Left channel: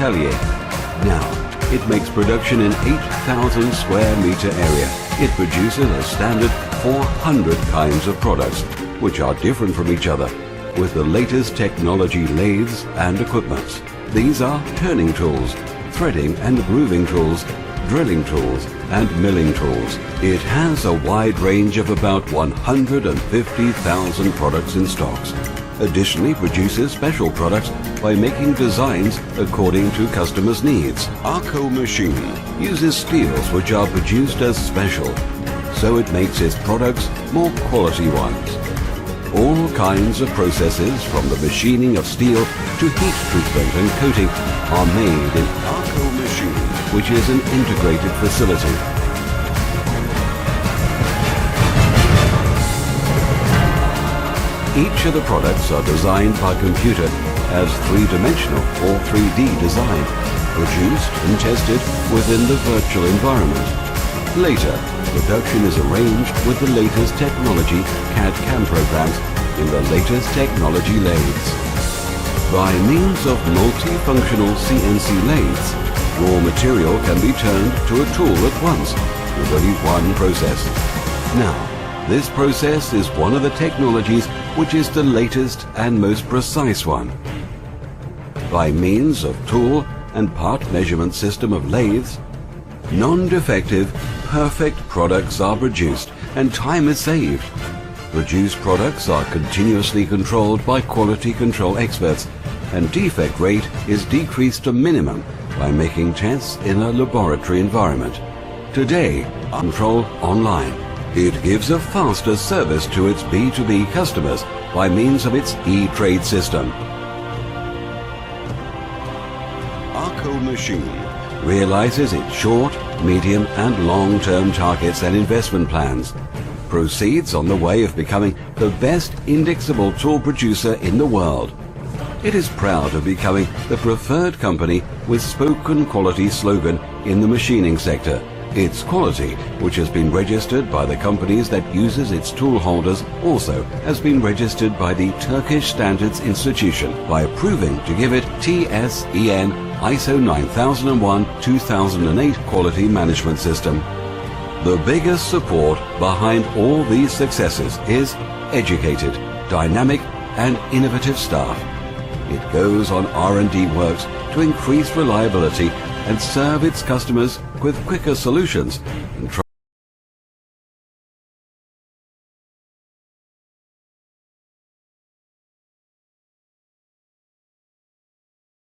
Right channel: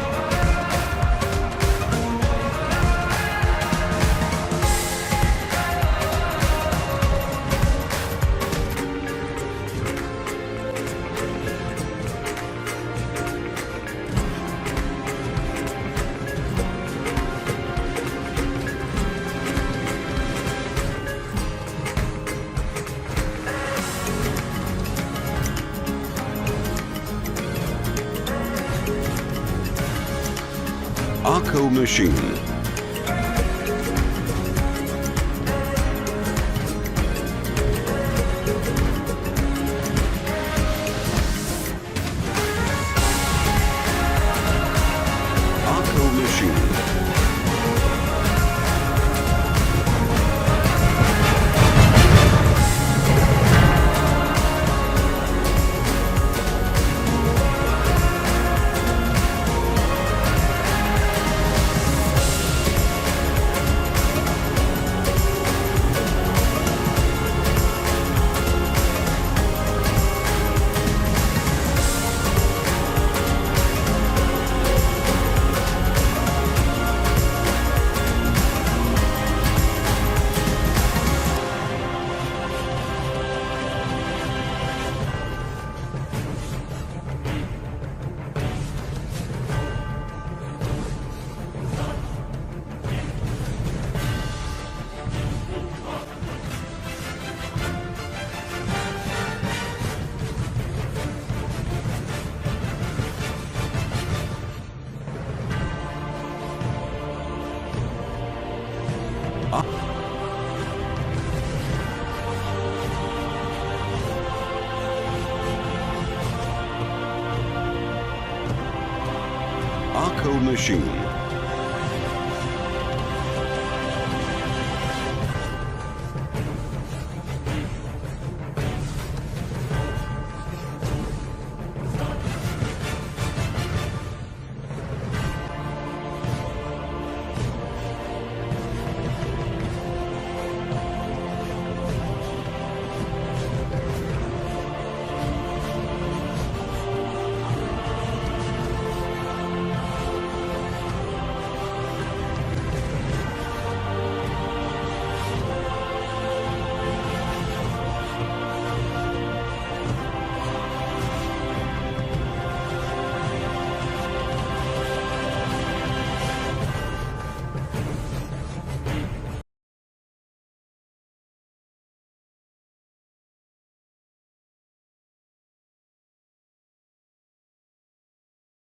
atelier. Now, it makes production in 8,000 square meter area. It produces a standard 400 kinds of products, which are different from each other, with the latest technology lathes and equipments. These are turning tools, threading and grooving tools, drilling tools and milling tools. It has a wide range of about 150,000 products in stocks. Additionally, produces special products by making designs according to customers' needs. Akko machine uses steels which are produced as special, so it makes its products more quality ones. All kinds of processes, from the machining of steel to heat treatment and coating, are made in Akko machine, which is an integrated facility. Each of the products are designed by computer as three-dimensional or 3D design, produced and tested within the virtual environment. Later, production is arranged with the latest technology CAD/CAM programs and the latest technology lathes. By means of multifunctional CNC lathes, raw material can be turned to a tool at once with only one process. Now, this process is one of the technologies which is the latest and most precise one. By means of tool and part measurement system of lathes, non-defective, perfect products are produced and time is saved. Produced products are continuously controlled by quality control experts, and defect rate is decreased to minimum by making tests in a laboratory environment. Today, controlled online. It gives a faster service to its B2B customers by means of its e-trade system. Akko machine realizes its short, medium and long-term targets and investment plans, proceeds on the way of becoming the best indexable tool producer in the world. It is proud of becoming the preferred company with spoken quality slogan in the machining sector. Its quality, which has been registered by the companies that uses its tool holders, also has been registered by the Turkish Standards Institution by approving to give it TSEN ISO 9001-2008 quality management system. The biggest support behind all these successes is educated, dynamic and innovative staff. It goes on R&D works to increase reliability and serve its customers with quicker solutions.